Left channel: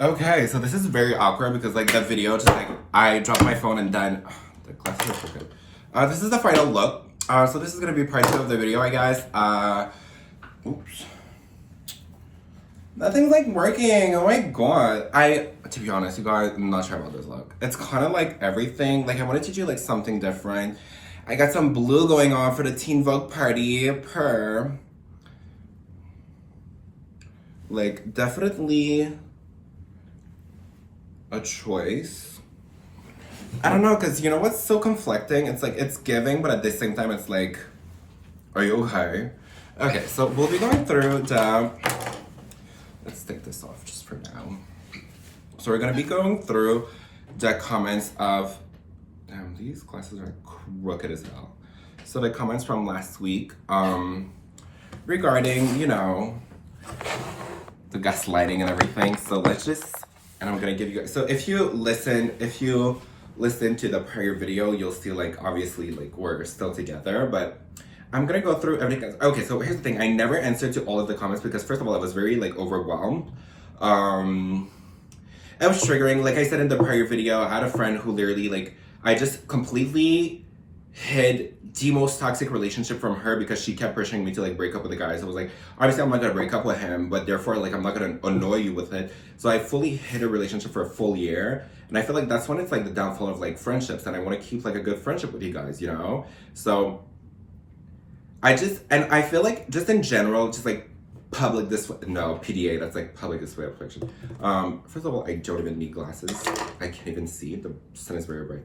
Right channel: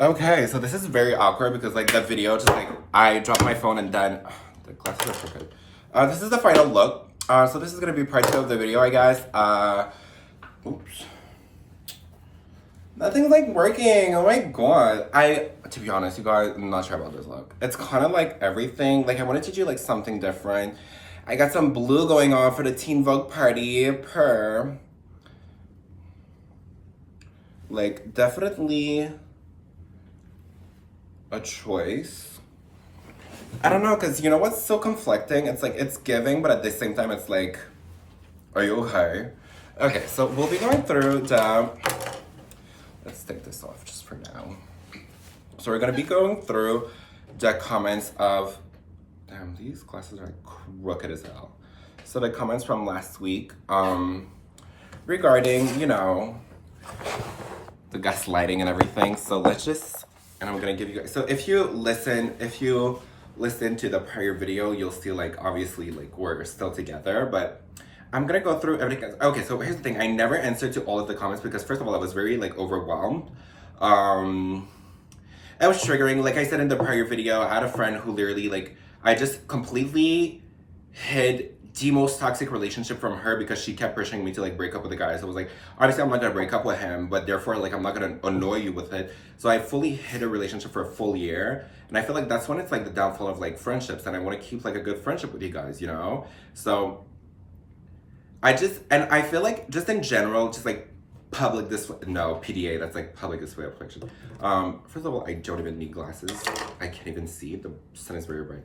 Okay, so this is very awkward because like the video just like I dropped my phone and then the glasses are crooked. This is the final look. So this is gonna be part 2 of the video, I guess. Oops. Nothing's like working. Oh my god. To be honest, you guys, I'm not sure about this look. It's kind of like everything. Like I wanted to do like something different. I got some blue going on for the Teen Vogue party. Like definitely a choice. I don't know, because you know what's so conflicting? It's like, it's giving, but at the same time, it's like, are you okay? Okay, so we'll be going through the, let's take this off just for now. So we're gonna be going through the comments of, damn, these glasses are crooked as hell. So the comments from last week, regarding, you know, the gaslighting and everything. So let's just, and I'm gonna give you guys, so if you listen to the prior video, you'll see like, obviously like we're still together, but I'm gonna go through everything. Okay, so here's the thing. I never answered to all of the comments because first of all, I was very like overwhelmed. It was triggering. Like I said in the prior video, I had a friend who literally like, I just completely hid the most toxic relationship from her because she kept pressuring me to like break up with the guys. I was like, obviously I'm not gonna break up with him, but therefore like I'm not gonna annoy you with it. So I fully hid a relationship for a full year. And I feel like that's when it's like the downfall of like friendships, and I want to keep like a good friendship with you guys, you know? So I feel like just in general, just like public display, no, PDA, that's like public display of affection. First of all, I don't even need glasses. I can't even see, the sun is very bright.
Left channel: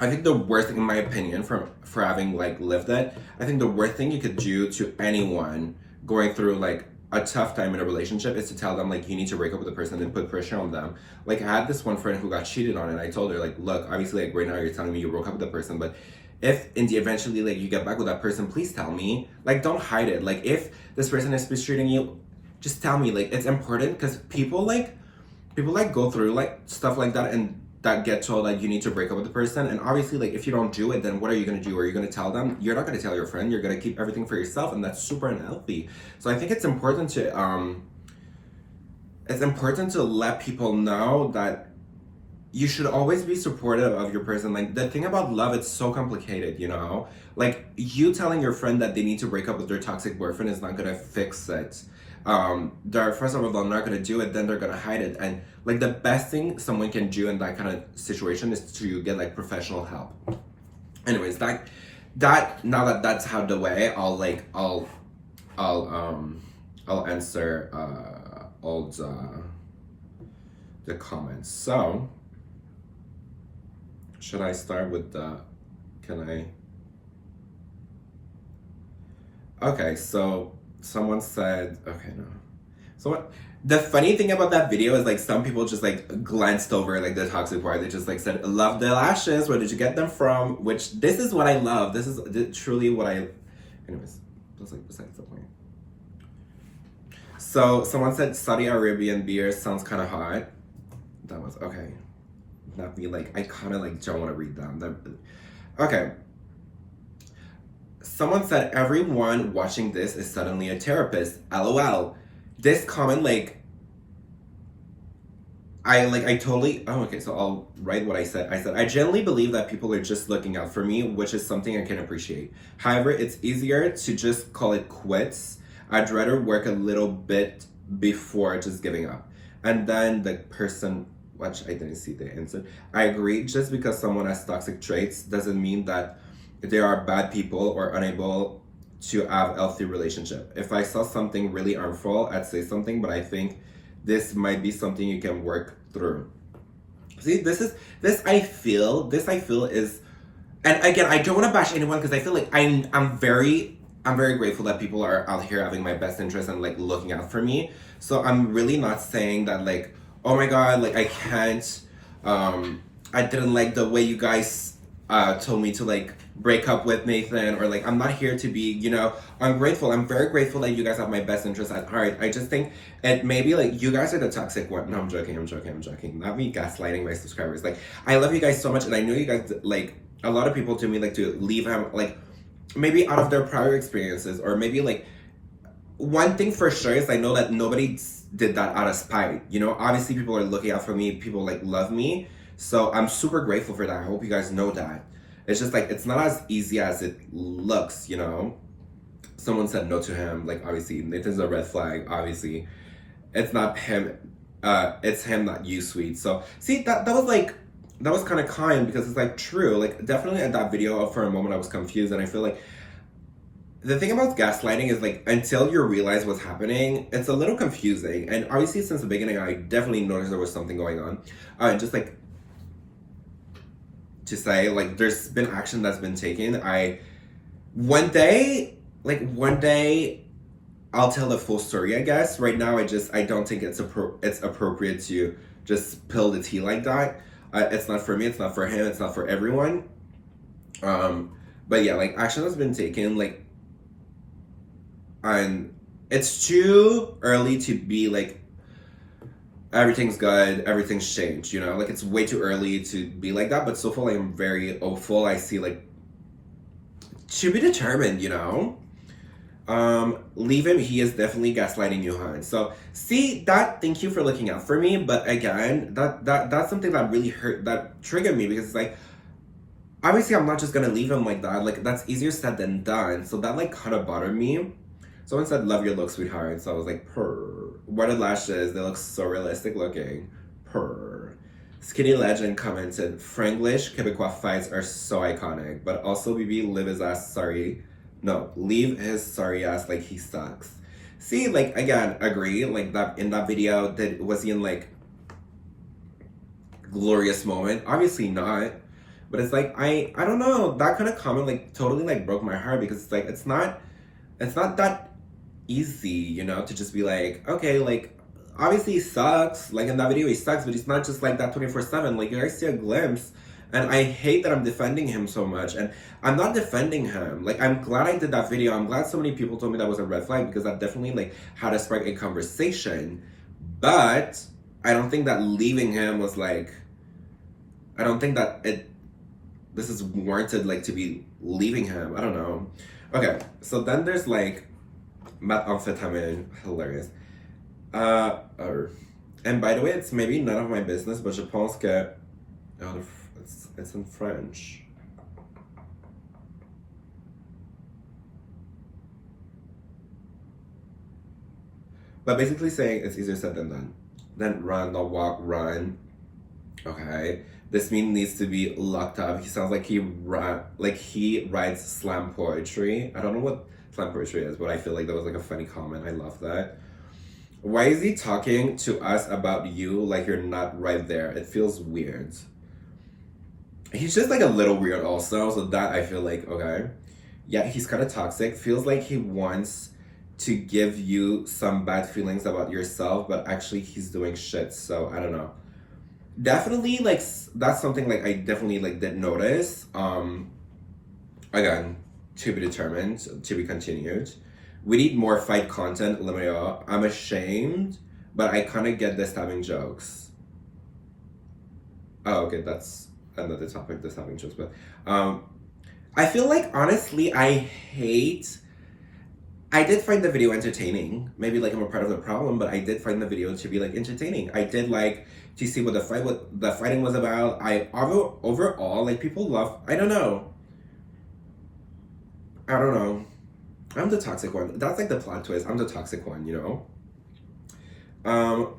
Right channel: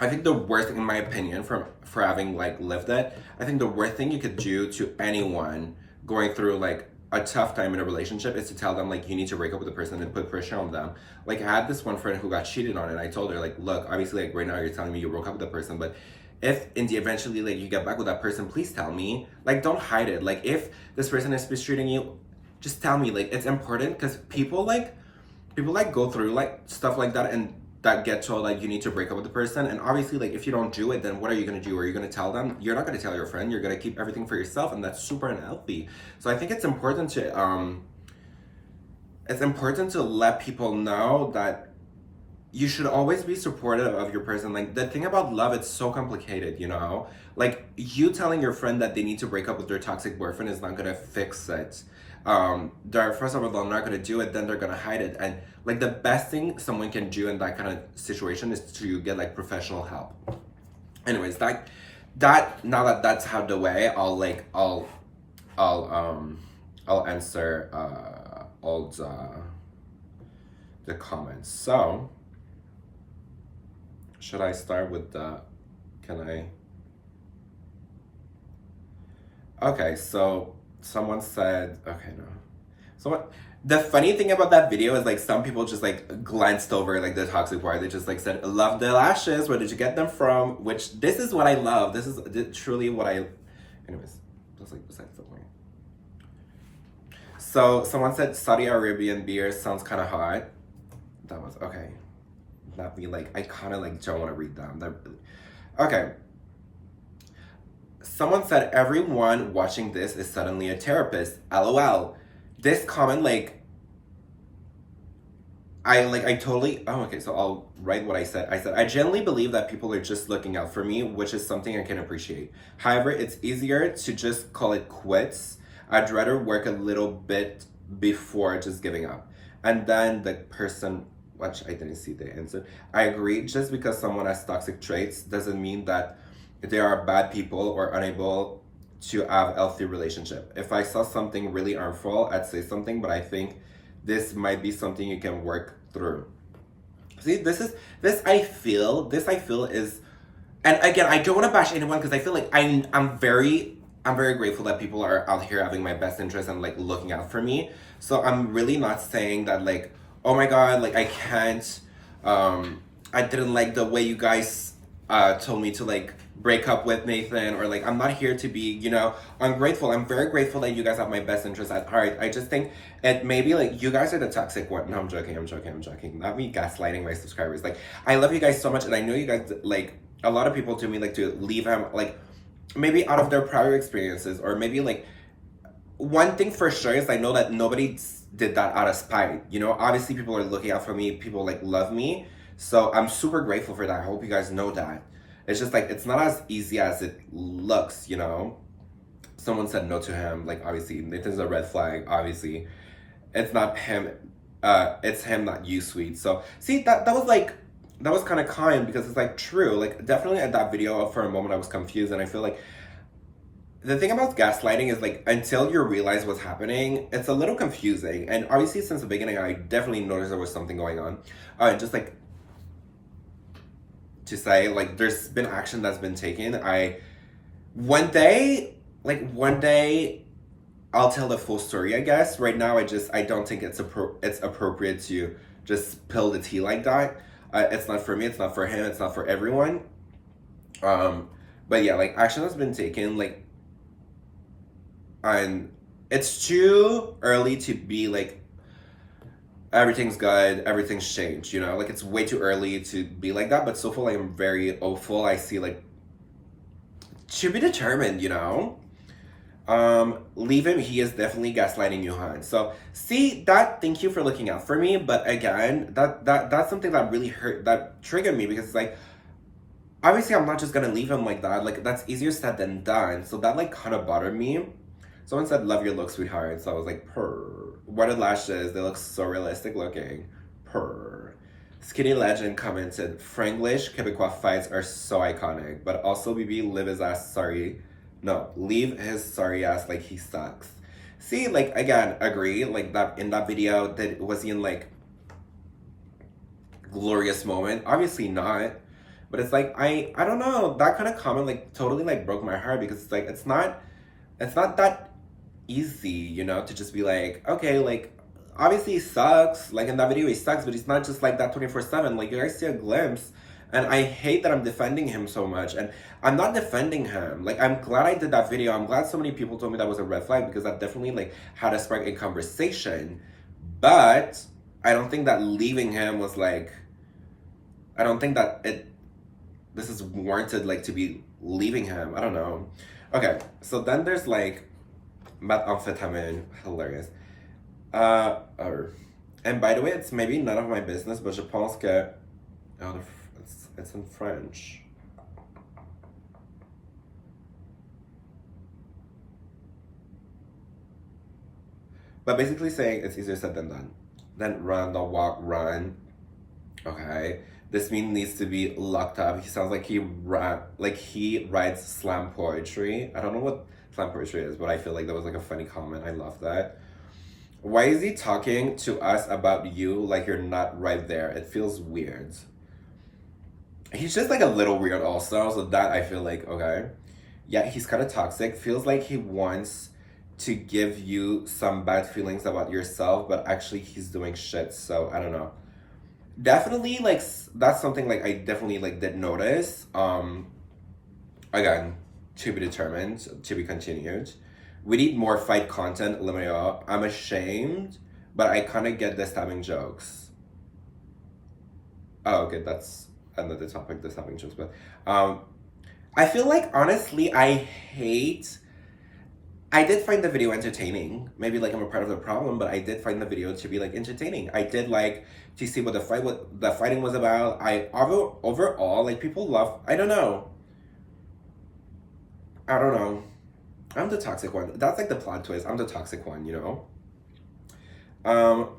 I think the worst thing, in my opinion, for having like lived it, I think the worst thing you could do to anyone going through like a tough time in a relationship is to tell them like you need to break up with the person and put pressure on them. Like I had this one friend who got cheated on, and I told her like, look, obviously like right now you're telling me you broke up with the person, but if in the eventually like you get back with that person, please tell me. Like don't hide it. Like if this person is mistreating you, just tell me. Like it's important because people go through like stuff like that and that get told like you need to break up with the person, and obviously like if you don't do it, then what are you gonna do? Are you gonna tell them? You're not gonna tell your friend. You're gonna keep everything for yourself, and that's super unhealthy. So I think it's important to let people know that you should always be supportive of your person. Like the thing about love, it's so complicated, you know? Like you telling your friend that they need to break up with their toxic boyfriend is not gonna fix it. They're first of all, they're not gonna do it, then they're gonna hide it. And like the best thing someone can do in that kind of situation is to get like professional help. Anyways, that now that that's out the way, I'll answer all the comments. So should I start with okay, so someone said, okay, no. The funny thing about that video is like some people just like glanced over like the toxic part. They just like said, love the lashes. Where did you get them from? Which this is what I love. This is truly what I, anyways, that's like besides the point. So someone said Saudi Arabian beer sounds kind of hot. That was, okay. Not me, like, I kind of like don't want to read them. Okay. Someone said, everyone watching this is suddenly a therapist. LOL. This comment, like, I totally, oh, okay, so I'll write what I said. I said, I genuinely believe that people are just looking out for me, which is something I can appreciate. However, it's easier to just call it quits. I'd rather work a little bit before just giving up. And then the person, which I didn't see the answer, I agree. Just because someone has toxic traits doesn't mean that they are bad people or unable to have a healthy relationship. If I saw something really harmful, I'd say something, but I think this might be something you can work through. See, this I feel is, and again, I don't want to bash anyone because I feel like I'm very grateful that people are out here having my best interest and like looking out for me. So I'm really not saying that like, oh my god, like I can't, I didn't like the way you guys told me to like break up with Nathan, or like I'm not here to be, you know, I'm very grateful that you guys have my best interest at heart. I just think it maybe like you guys are the toxic one. No, I'm joking. Not me gaslighting my subscribers. Like I love you guys so much, and I know you guys, like a lot of people to me like to leave him, like maybe out of their prior experiences, or maybe like one thing for sure is I know that nobody did that out of spite. You know, obviously people are looking out for me. People like love me. So I'm super grateful for that. I hope you guys know that. It's just like, it's not as easy as it looks, you know? Someone said no to him. Like, obviously, Nathan's a red flag, obviously. It's not him. It's him, not you, sweet. So, see, that was like, that was kind of kind because it's like true. Like, definitely at that video, for a moment, I was confused. And I feel like the thing about gaslighting is like, until you realize what's happening, it's a little confusing. And obviously, since the beginning, I definitely noticed there was something going on. Just like, to say, like, there's been action that's been taken. One day, I'll tell the full story, I guess. Right now, I don't think it's appropriate to just spill the tea like that. It's not for me, it's not for him, it's not for everyone. But yeah, like, action has been taken, like, and it's too early to be like, everything's good, everything's changed, you know? Like, it's way too early to be like that, but so far, like, I'm very hopeful. I see, like, to be determined, you know? Leave him, he is definitely gaslighting you, hon. So, see, that, thank you for looking out for me, but again, that's something that really hurt, that triggered me, because it's like, obviously, I'm not just gonna leave him like that. Like, that's easier said than done. So that, like, kind of bothered me. Someone said, love your look, sweetheart. So I was like, purr. Wedded lashes, they look so realistic looking. Purr. Skinny Legend commented, Franglish Quebecois fights are so iconic, but also BB leave his ass sorry. No, leave his sorry ass like he sucks. See, like, again, agree. Like, that in that video, that was he in, like, glorious moment? Obviously not. But it's like, I don't know. That kind of comment, like, totally, like, broke my heart, because it's like, it's not that easy, you know, to just be like, okay, like, obviously he sucks, like, in that video he sucks, but he's not just like that 24/7. Like, you guys see a glimpse, and I hate that I'm defending him so much. And I'm not defending him. Like, I'm glad I did that video. I'm glad so many people told me that was a red flag, because that definitely, like, had to spark a conversation. But I don't think that leaving him was like, I don't think that this is warranted, like, to be leaving him. I don't know. Okay, so then there's, like, methamphetamine, hilarious. And by the way, it's maybe none of my business, but je pense que, oh, it's in French. But basically saying it's easier said than done. Then run, don't walk, run. Okay. This meme needs to be locked up. He sounds like he writes slam poetry. I don't know what slam poetry is, but I feel like that was like a funny comment. I love that. Why is he talking to us about you like you're not right there? It feels weird. He's just like a little weird also, so that I feel like, okay. Yeah, he's kind of toxic. Feels like he wants to give you some bad feelings about yourself, but actually he's doing shit, so I don't know. Definitely, like, that's something, like, I definitely, like, did notice. Again, to be determined, to be continued. We need more fight content, LMAO. I'm ashamed, but I kind of get the stabbing jokes. Oh, okay, that's another topic, the stabbing jokes, but, I feel like, honestly, I did find the video entertaining. Maybe, like, I'm a part of the problem, but I did find the video to be, like, entertaining. I did, like, to see what the fighting was about. Overall, like, people love, I don't know. I'm the toxic one. That's, like, the plot twist. I'm the toxic one, you know?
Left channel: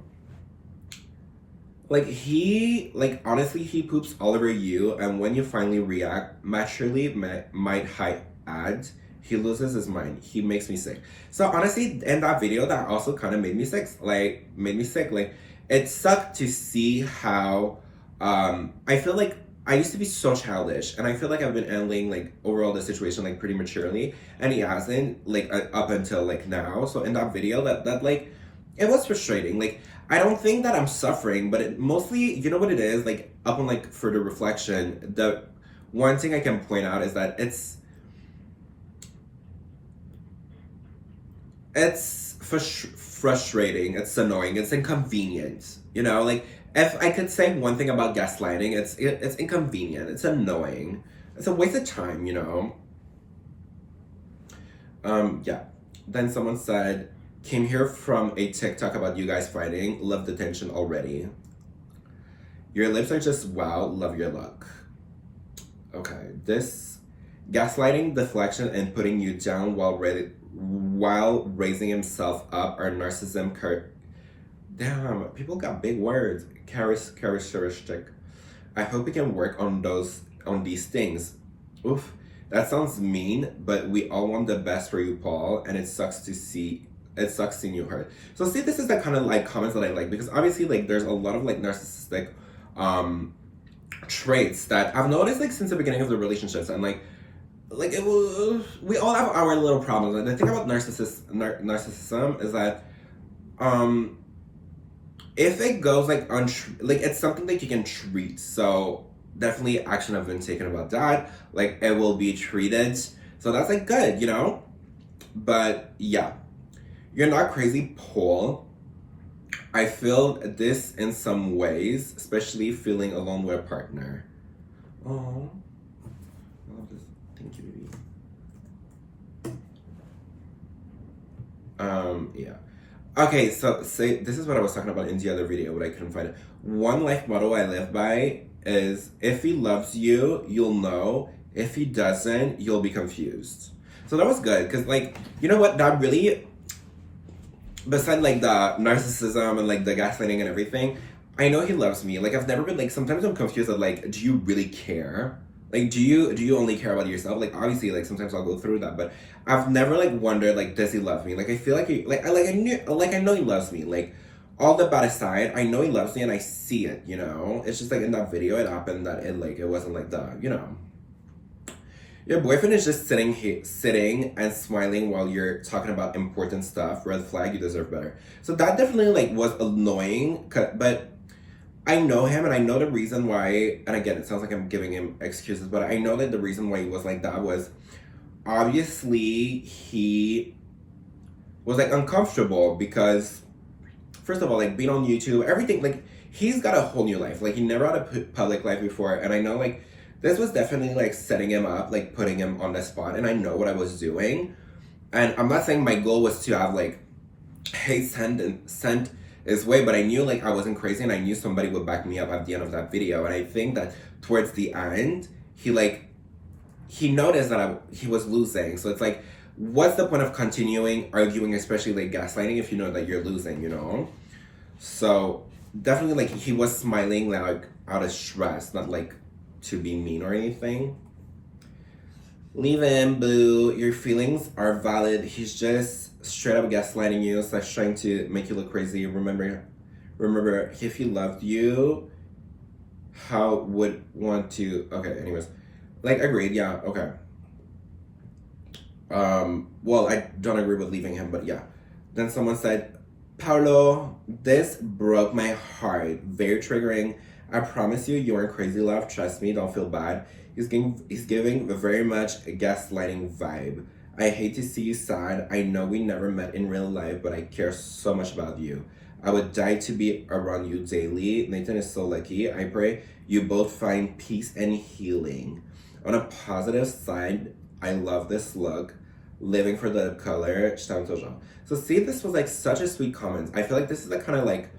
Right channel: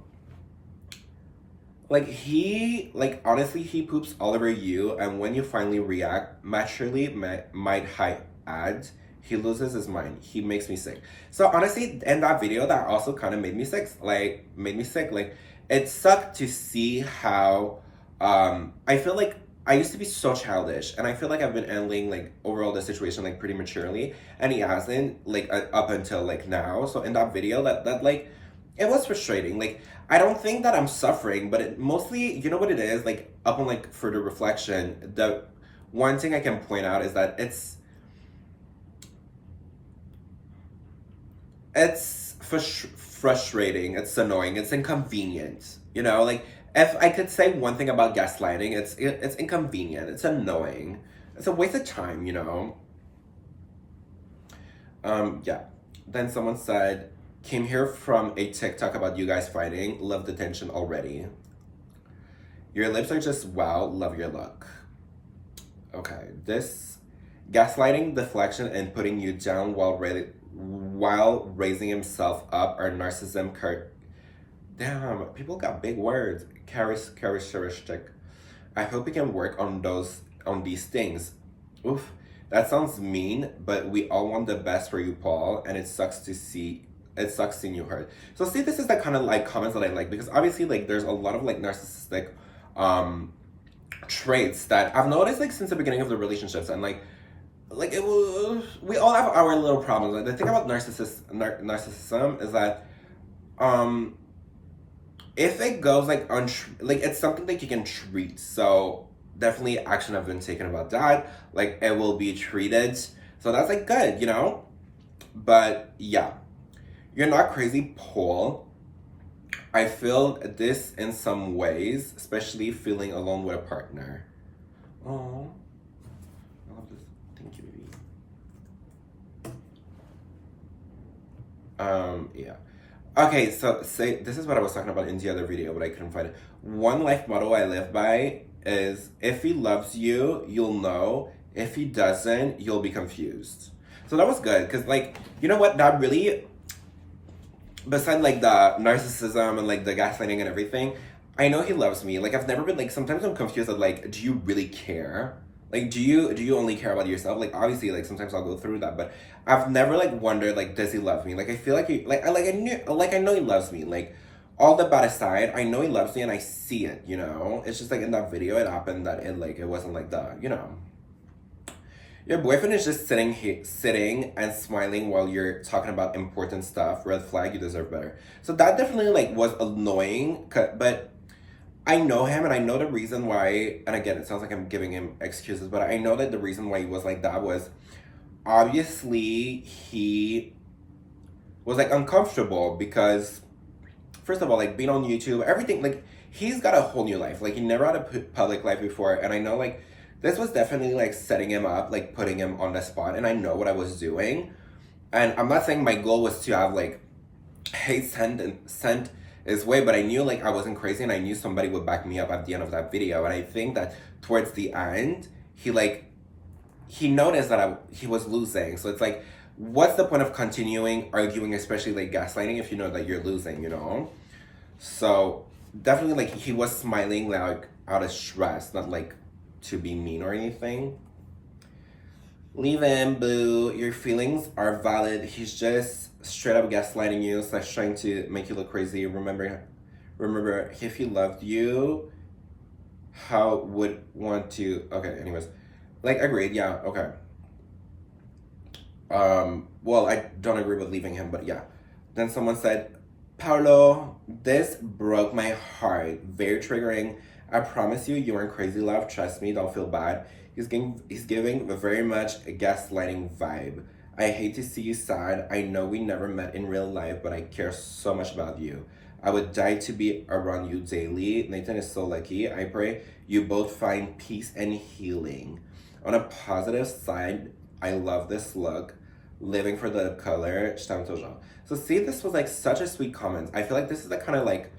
Like, honestly, he poops all over you, and when you finally react, maturely might add, he loses his mind. He makes me sick. So, honestly, in that video, that also kind of made me sick. Like, it sucked to see how, I feel like I used to be so childish, and I feel like I've been handling, like, overall the situation, like, pretty maturely, and he hasn't, like, up until, like, now. So in that video, that like, it was frustrating. Like, I don't think that I'm suffering, but it mostly, you know what it is? Like, upon, like, further reflection, the one thing I can point out is that it's frustrating, it's annoying, it's inconvenient, you know? Like, if I could say one thing about gaslighting, it's inconvenient, it's annoying, it's a waste of time, you know? Yeah. Then someone said, came here from a TikTok about you guys fighting. Love the tension already. Your lips are just wow. Love your look. Okay, this gaslighting, deflection, and putting you down while raising himself up are narcissism. Damn, people got big words. Characteristic. I hope we can work on these things. Oof, that sounds mean, but we all want the best for you, Paul, and it sucks seeing you hurt. So see, this is the kind of like comments that I like, because obviously like there's a lot of like narcissistic traits that I've noticed like since the beginning of the relationships, and like we all have our little problems. Like the thing about narcissism is that if it goes like like it's something that you can treat. So definitely action have been taken about that. Like it will be treated. So that's like good, you know? But yeah. You're not crazy, Paul. I feel this in some ways, especially feeling alone with a partner. Oh, I love this. Thank you, baby. Yeah. Okay, so say this is what I was talking about in the other video, but I couldn't find it. One life motto I live by is, if he loves you, you'll know. If he doesn't, you'll be confused. So that was good, because like, you know what, that really, besides like the narcissism and like the gaslighting and everything, I know he loves me. Like I've never been like, sometimes I'm confused of like, do you really care? Like, do you only care about yourself? Like obviously like sometimes I'll go through that, but I've never like wondered like, does he love me? Like I feel like I know he loves me. Like all the bad aside, I know he loves me and I see it, you know? It's just like in that video it happened that it wasn't like the, you know. Your boyfriend is just sitting and smiling while you're talking about important stuff. Red flag, you deserve better. So that definitely like was annoying, but I know him and I know the reason why, and again, it sounds like I'm giving him excuses, but I know that the reason why he was like that was obviously he was like uncomfortable because, first of all, like being on YouTube, everything, like he's got a whole new life. Like he never had a public life before, and I know like this was definitely like setting him up, like putting him on the spot, and I know what I was doing. And I'm not saying my goal was to have like hate sent his way, but I knew like I wasn't crazy, and I knew somebody would back me up at the end of that video. And I think that towards the end, he noticed that he was losing. So it's like, what's the point of continuing arguing, especially like gaslighting, if you know that you're losing, you know? So definitely like he was smiling like out of stress, not like to be mean or anything. Leave him, boo. Your feelings are valid. He's just straight up gaslighting you, so trying to make you look crazy. Remember, if he loved you, how would want to? Okay, anyways, like agreed. Yeah, okay. Well, I don't agree with leaving him, but yeah. Then someone said, Paulo, this broke my heart. Very triggering. I promise you aren't crazy, love. Trust me, don't feel bad. He's giving very much a gaslighting vibe. I hate to see you sad. I know we never met in real life, but I care so much about you. I would die to be around you daily. Nathan is so lucky. I pray you both find peace and healing. On a positive side, I love this look. Living for the color. So see, this was like such a sweet comment. I feel like this is the kind of like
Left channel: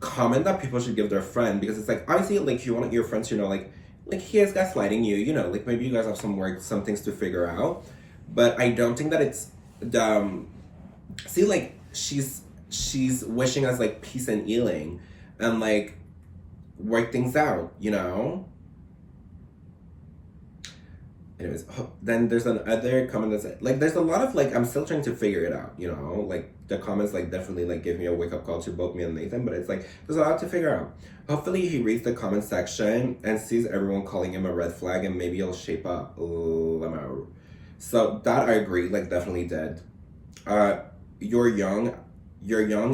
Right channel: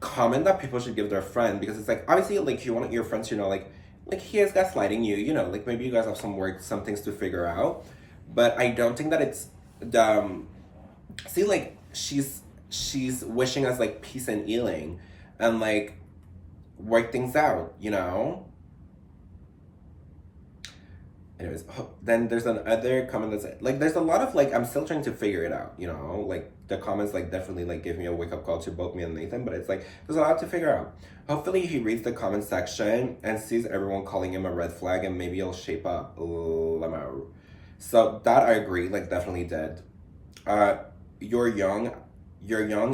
comment that people should give their friend, because it's like, obviously like you want your friends to know like he is gaslighting you, you know, like maybe you guys have some things to figure out, but I don't think that it's see, like she's wishing us like peace and healing and like work things out, you know. Anyways, then there's another comment that's like, there's a lot of like, I'm still trying to figure it out, you know, like the comments like definitely like give me a wake up call to both me and Nathan, but it's like, there's a lot to figure out. Hopefully he reads the comment section and sees everyone calling him a red flag, and maybe he'll shape up. So that I agree, like definitely did. You're young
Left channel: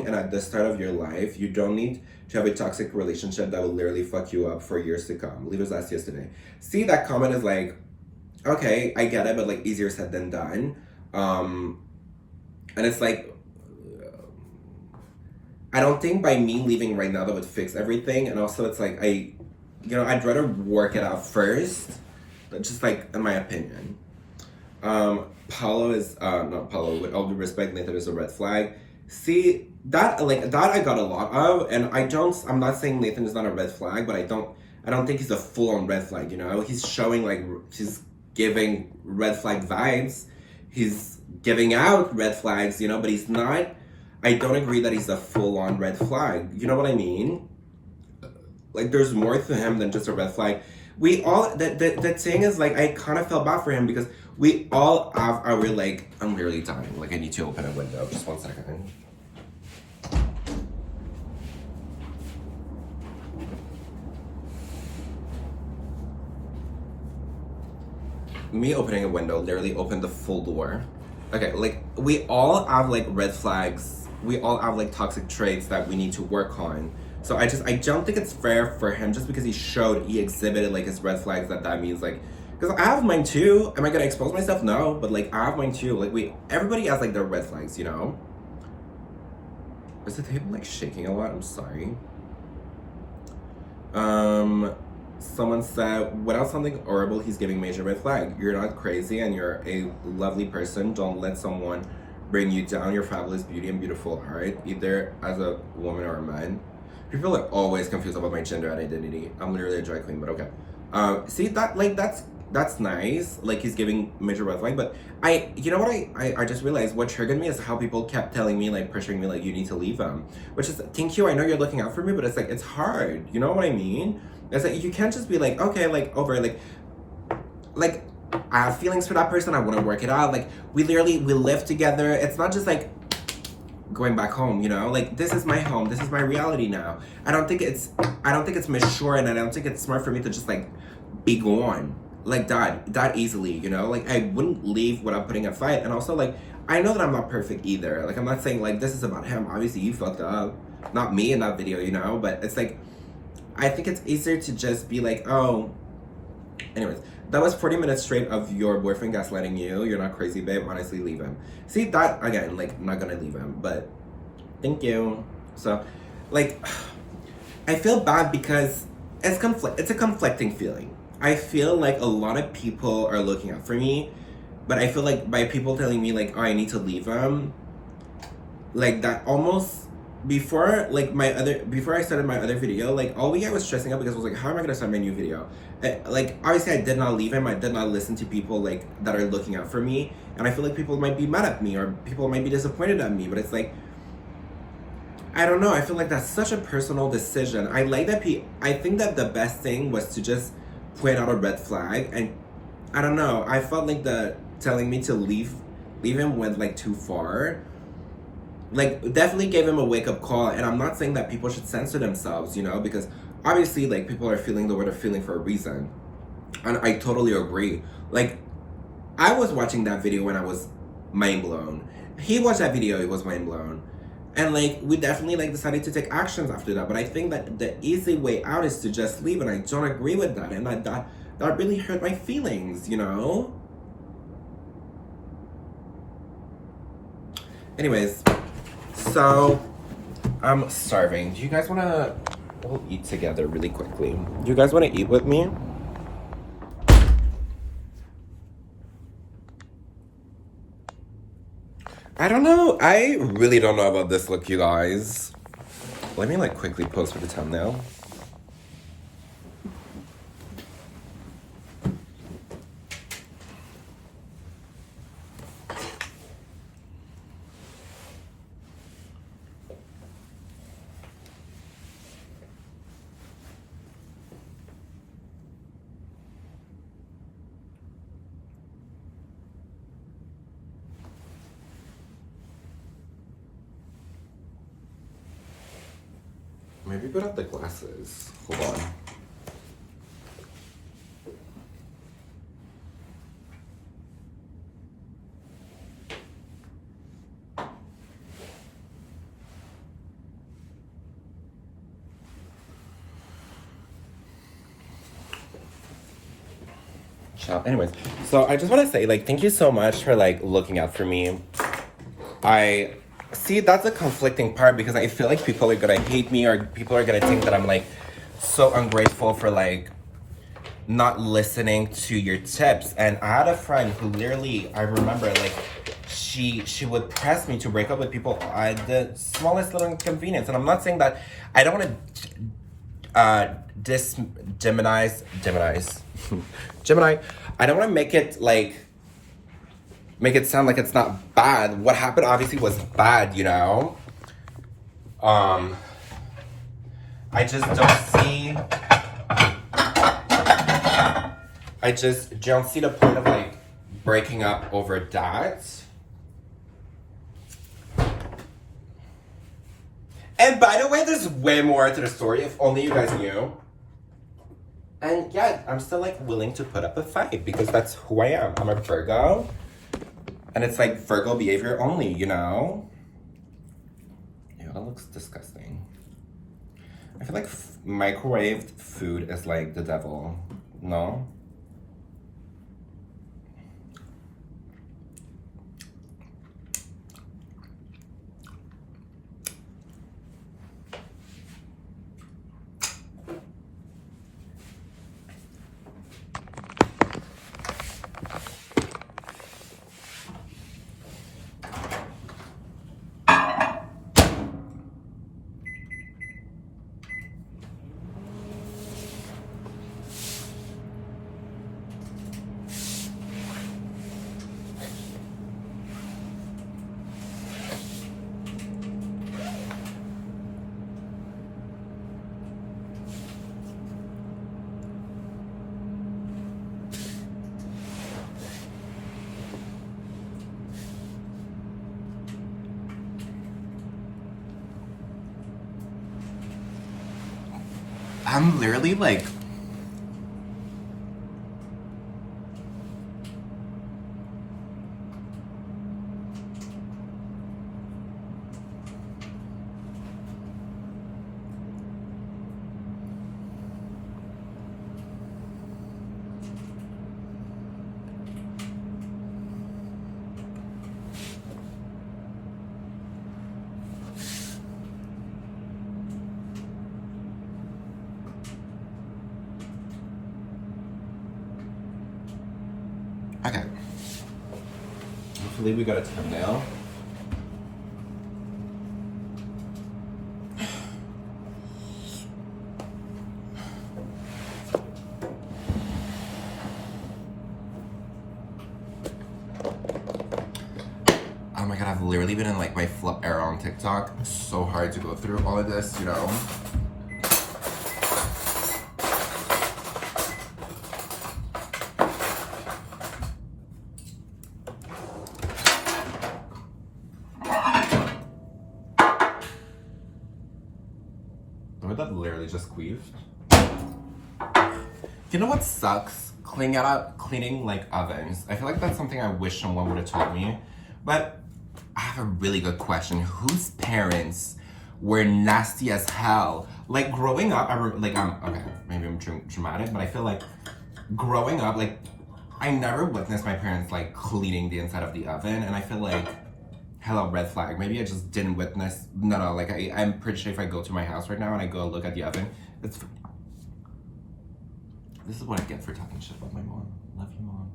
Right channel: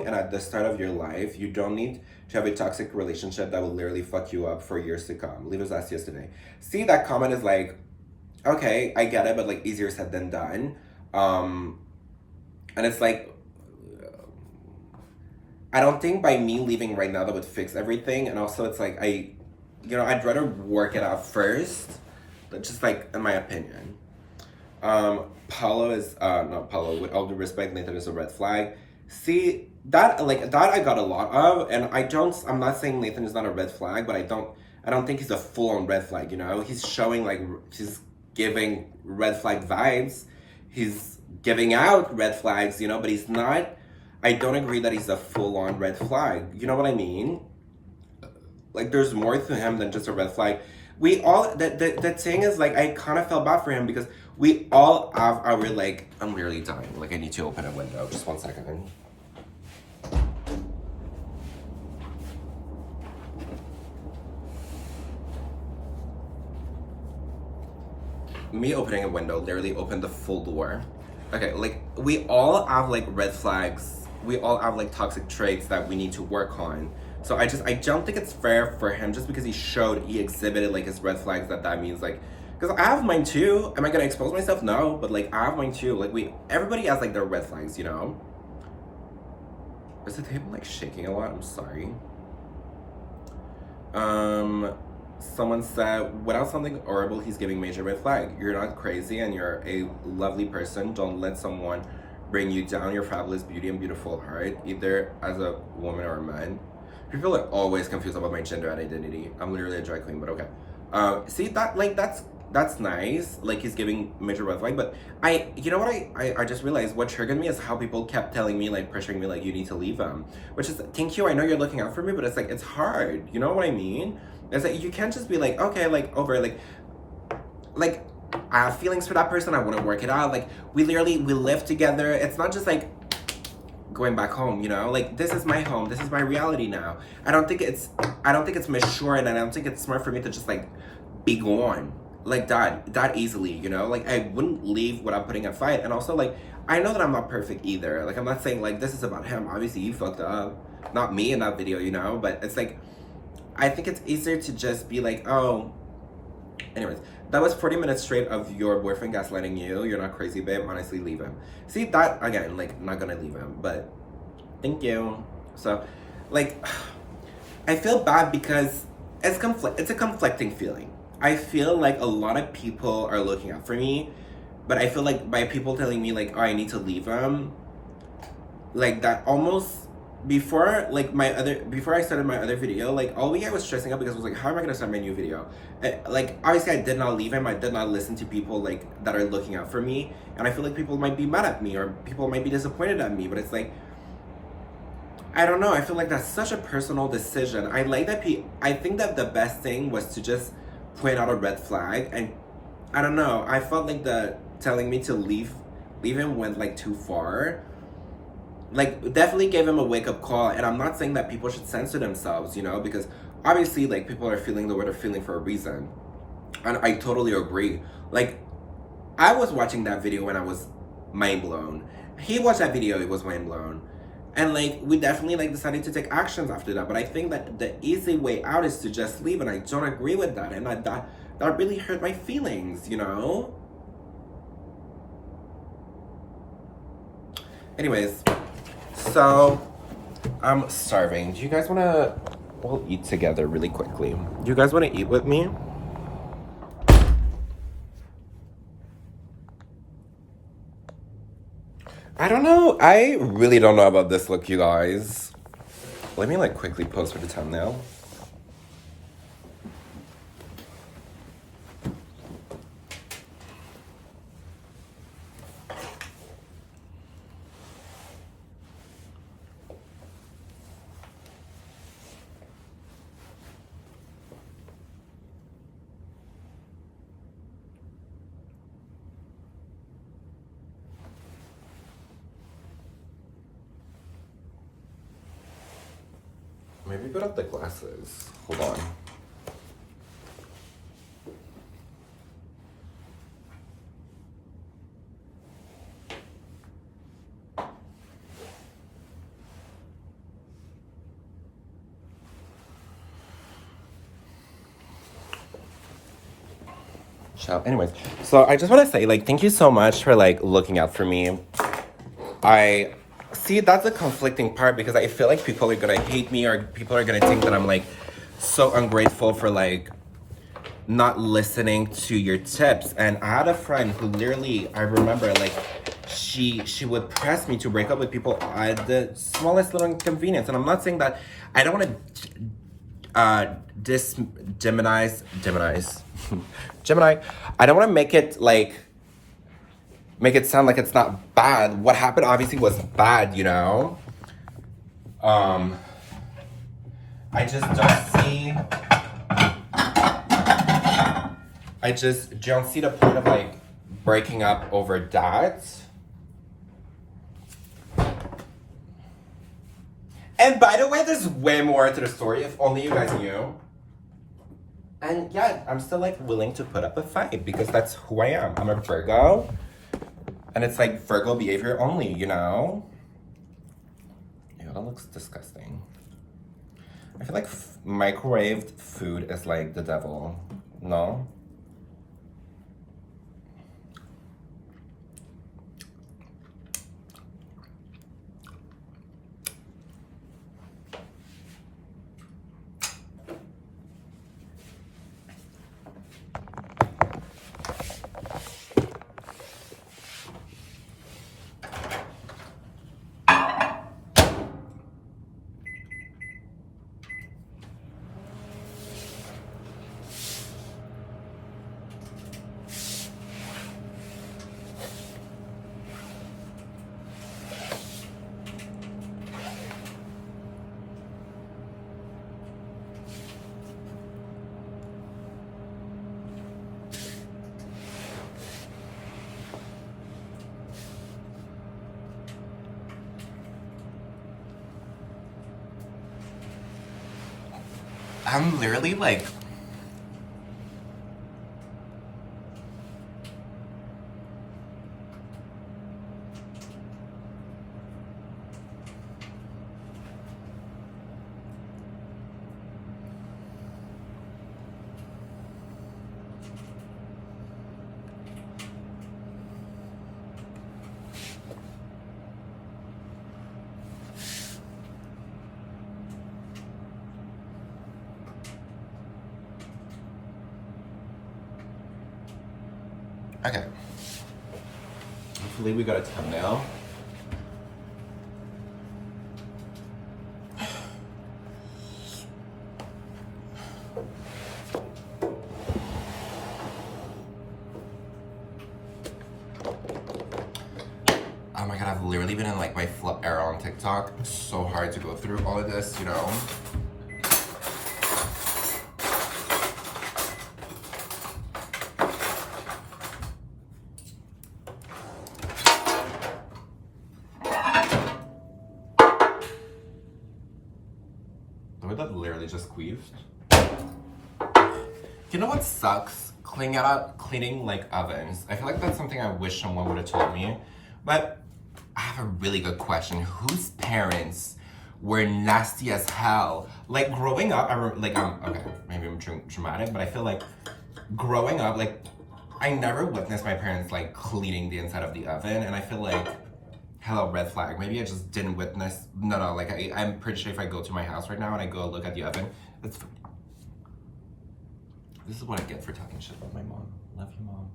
and at the start of your life, you don't need to have a toxic relationship that will literally fuck you up for years to come. Leave us last yesterday. See, that comment is like, okay, I get it, but like easier said than done. And it's like, I don't think by me leaving right now that would fix everything. And also it's like, I'd rather work it out first, but just like in my opinion. Paulo is not Paulo. With all due respect, Nathan is a red flag. See that like that I got a lot of, and I'm not saying Nathan is not a red flag, but I don't think he's a full on red flag. You know, he's showing like he's giving red flag vibes. He's giving out red flags. You know, but he's not. I don't agree that he's a full on red flag. You know what I mean? Like there's more to him than just a red flag. We all the thing is like I kind of felt bad for him because we all have our like I'm literally dying. Like I need to open a window. Just 1 second. Me opening a window literally opened the full door. Okay, like we all have like red flags. We all have like toxic traits that we need to work on. So I don't think it's fair for him just because he exhibited like his red flags that means like, because I have mine too. Am I gonna expose myself? No, but like I have mine too. Like everybody has like their red flags, you know? Is the table like shaking a lot? I'm sorry. Someone said, without something horrible, he's giving major red flag. You're not crazy and you're a lovely person. Don't let someone bring you down. Your fabulous beauty and beautiful heart, either as a woman or a man. People are always confused about my gender and identity. I'm literally a drag queen, but okay. See that like that's nice. Like he's giving major red flag, but you know what I just realized what triggered me is how people kept telling me like pressuring me like you need to leave him, which is thank you. I know you're looking out for me, but it's like it's hard. You know what I mean? It's like you can't just be like okay like over like I have feelings for that person. I want to work it out. Like we live together. It's not just like going back home, you know, like this is my home, this is my reality now. I don't think it's mature, and I don't think it's smart for me to just like be gone like that easily, you know. Like I wouldn't leave without putting a fight. And also like I know that I'm not perfect either. Like I'm not saying like this is about him. Obviously you fucked up, not me in that video, you know. But it's like I think it's easier to just be like, oh, anyways, that was 40 minutes straight of your boyfriend gaslighting you. You're not crazy, babe. Honestly, leave him. See, that, again, like, not gonna leave him, but thank you. So, like, I feel bad because it's a conflicting feeling. I feel like a lot of people are looking out for me, but I feel like by people telling me, like, oh, I need to leave him, like, that almost before I started my other video, like all week I was stressing out because I was like, how am I gonna start my new video? Like obviously I did not leave him. I did not listen to people like that are looking out for me, and I feel like people might be mad at me or people might be disappointed at me, but it's like I don't know. I feel like that's such a personal decision. I like that I think that the best thing was to just point out a red flag, and I don't know. I felt like the telling me to leave him went like too far. Like definitely gave him a wake-up call, and I'm not saying that people should censor themselves, you know, because obviously like people are feeling the way they're feeling for a reason, and I totally agree. Like I was watching that video when I was mind blown. He watched that video, it was mind blown, and like we definitely like decided to take actions after that. But I think that the easy way out is to just leave, and I don't agree with that, and that really hurt my feelings, you know. Anyways, so I'm starving. Do you guys want to? We'll eat together really quickly. Do you guys want to eat with me? I don't know. I really don't know about this look, you guys. Let me like quickly post for the thumbnail. Maybe put up the glasses. Hold on. Anyways, so I just want to say, like, thank you so much for, like, looking out for me. I see that's the conflicting part because I feel like people are gonna hate me or people are gonna think that I'm, like, so ungrateful for, like, not listening to your tips. And I had a friend who literally, I remember, like, she would press me to break up with people at the smallest little inconvenience. And I'm not saying that, I don't want to demonize Gemini. I don't want to make it sound like it's not bad. What happened obviously was bad, you know. I just don't see the point of like breaking up over that. And by the way, there's way more to the story, if only you guys knew. And yeah, I'm still like willing to put up a fight because that's who I am. I'm a Virgo. And it's like Virgo behavior only, you know? Ew, that looks disgusting. I feel like microwaved food is like the devil, no? I'm literally like, okay. Hopefully we got a thumbnail. Oh my god, I've literally been in like my flip era on TikTok. It's so hard to go through all of this, you know? That literally just queefed. You know what sucks? Cleaning like ovens. I feel like that's something I wish someone would have told me. But I have a really good question. Whose parents were nasty as hell? Like growing up, okay, maybe I'm dramatic, but I feel like growing up, like I never witnessed my parents like cleaning the inside of the oven, and I feel like, hello, red flag. Maybe I just didn't witness. No, like I'm pretty sure if I go to my house right now and I go look at the oven, this is what I get for talking shit about my mom. Love you, Mom.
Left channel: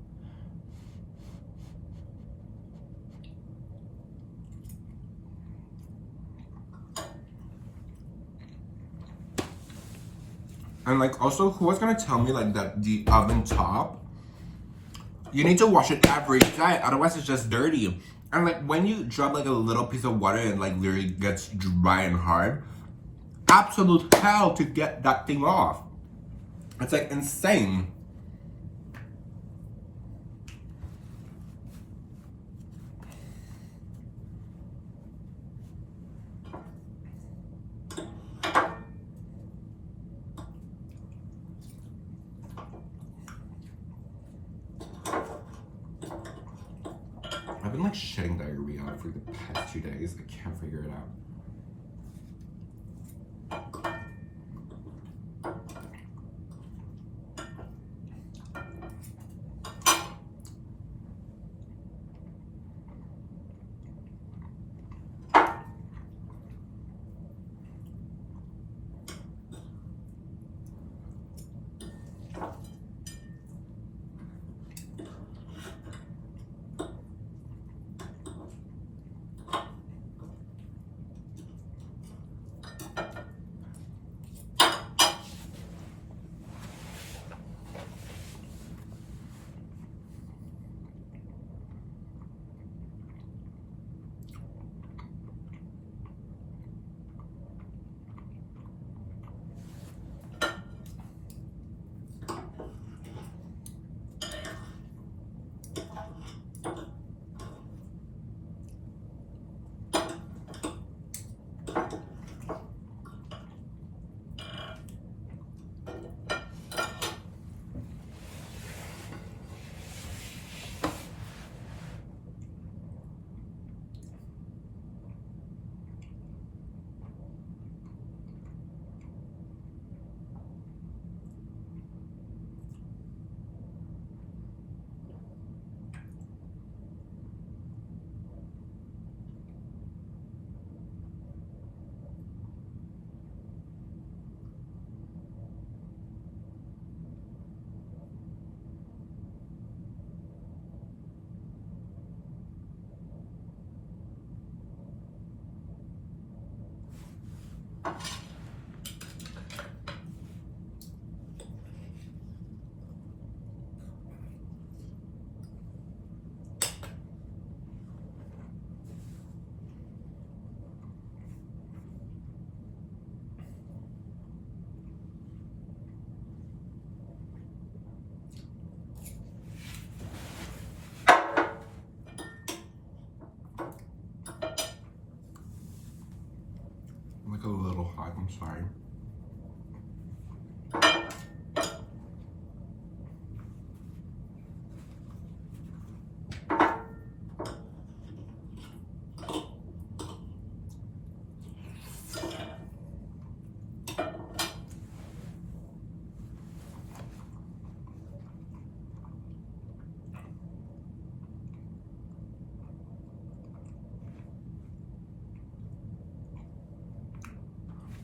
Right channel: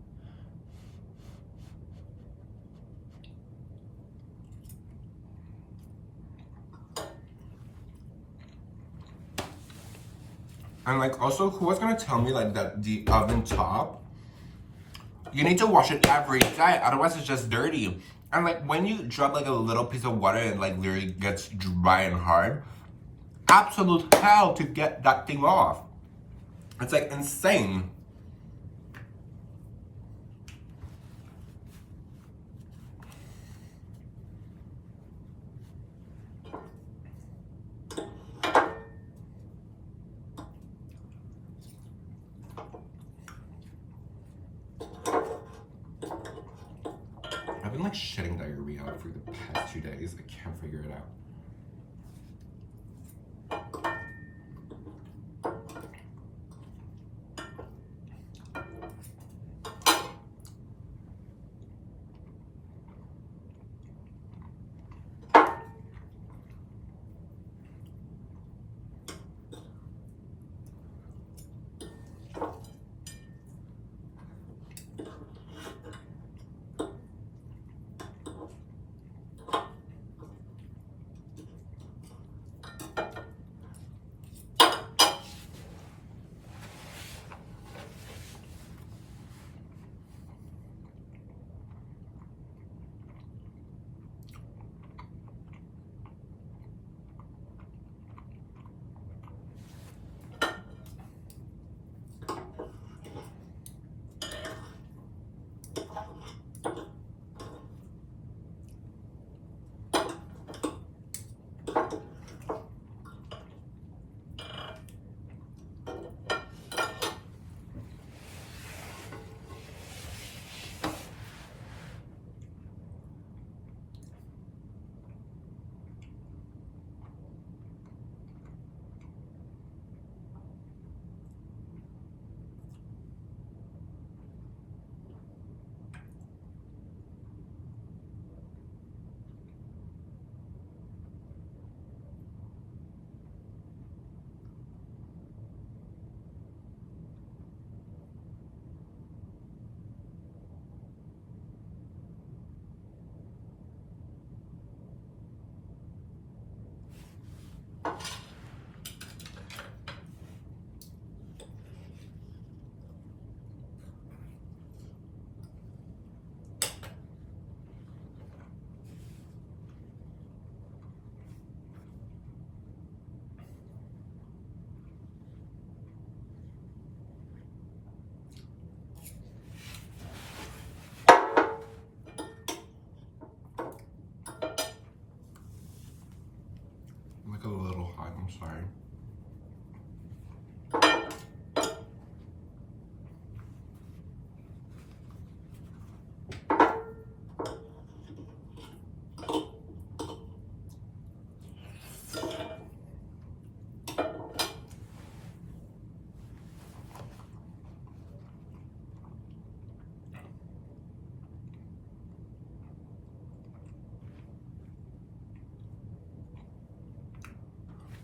And like also, who was gonna tell me like that the oven top, you need to wash it every day, otherwise it's just dirty. And like when you drop like a little piece of water and like literally gets dry and hard, absolute hell to get that thing off. It's like insane. I've been like shitting diarrhea for the past 2 days. I can't figure it out.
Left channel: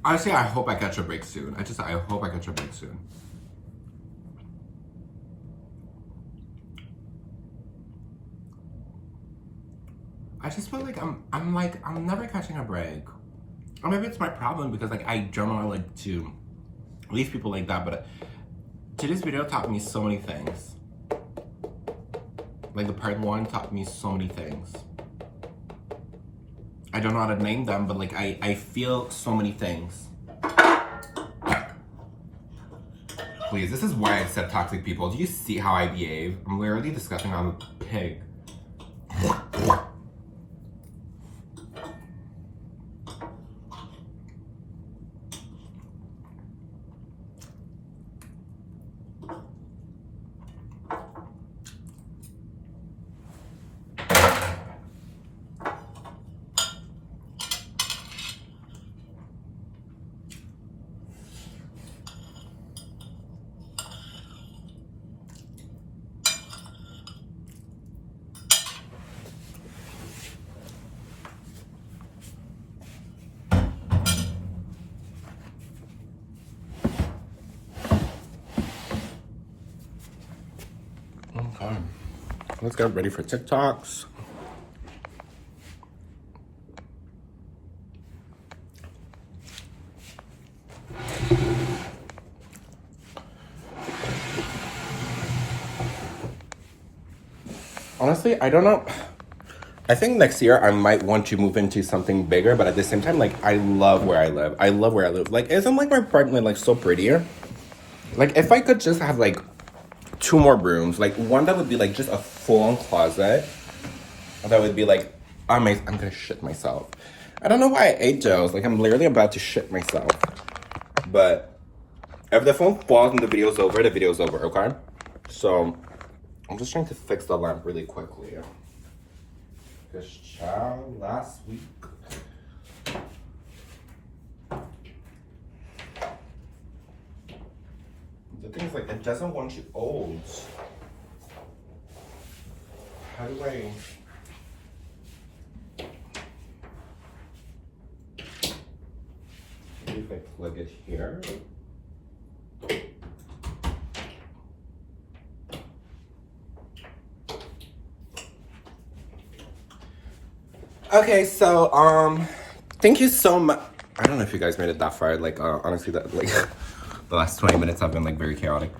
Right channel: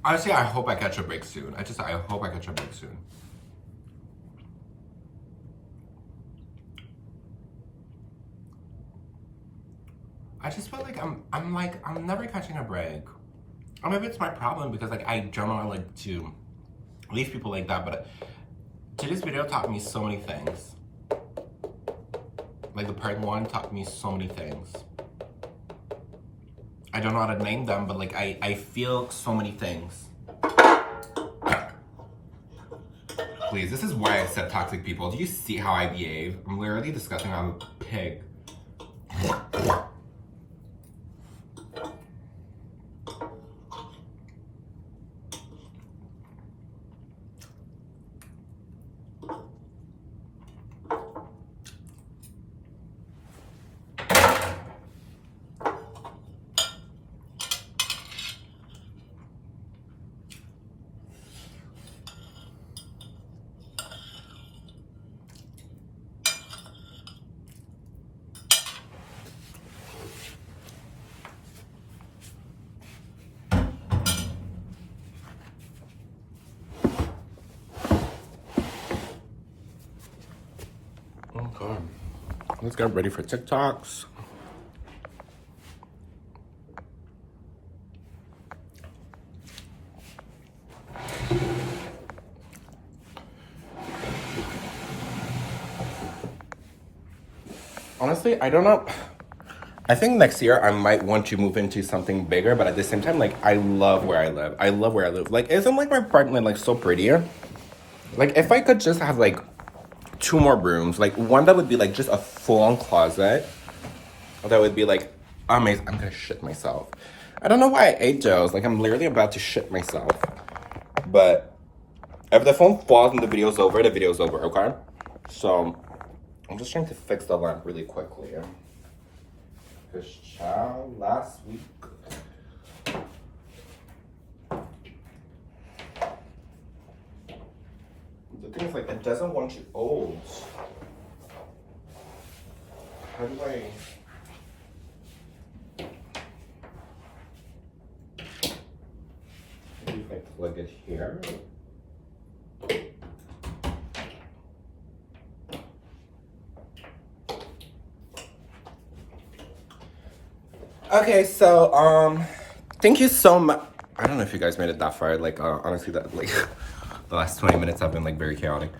Honestly, I hope I catch a break soon. I hope I catch a break soon. I just feel like I'm never catching a break. Or maybe it's my problem because like I don't like to leave people like that, but today's video taught me so many things. Like the part 1 taught me so many things. I don't know how to name them, but like I feel so many things. Please, this is why I said toxic people. Do you see how I behave? I'm literally disgusting. I'm a pig. Okay, let's get ready for TikToks. Honestly, I don't know. I think next year I might want to move into something bigger, but at the same time, like, I love where I live. I love where I live. Like, isn't like my apartment like so pretty? Like, if I could just have like 2 more rooms, like one that would be like just a full-on closet, that would be like amazing. I'm gonna shit myself. I don't know why I ate those. Like, I'm literally about to shit myself. But if the phone falls and the video's over, okay? So I'm just trying to fix the lamp really quickly. Because child, last week. The thing is, like, it doesn't want you old. How do I... Maybe if I plug it here. Okay, so thank you so much. I don't know if you guys made it that far. Like, honestly, that like the last 20 minutes have been like very chaotic.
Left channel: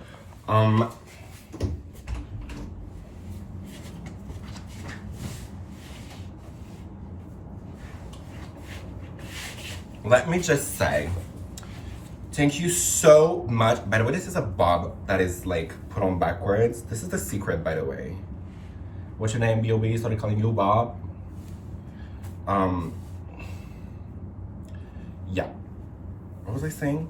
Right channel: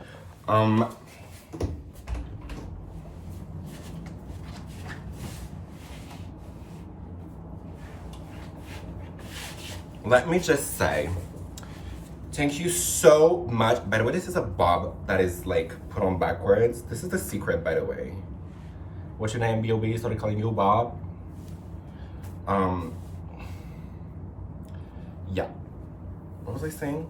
Let me just say, thank you so much. By the way, this is a bob that is like put on backwards. This is the secret, by the way. What's your name, B.O.B.? Started calling you Bob. Yeah. What was I saying?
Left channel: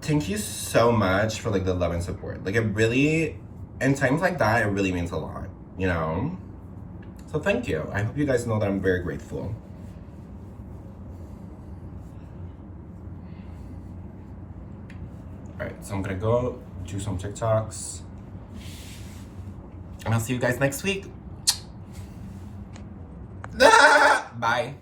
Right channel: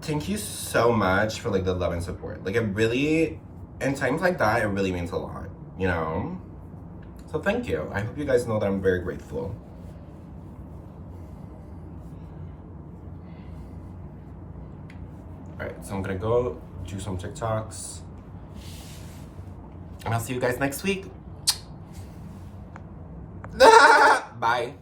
Thank you so much for like the love and support. Like, it really, in times like that, it really means a lot, you know? So thank you. I hope you guys know that I'm very grateful. All right, so I'm gonna go do some TikToks. And I'll see you guys next week. Bye.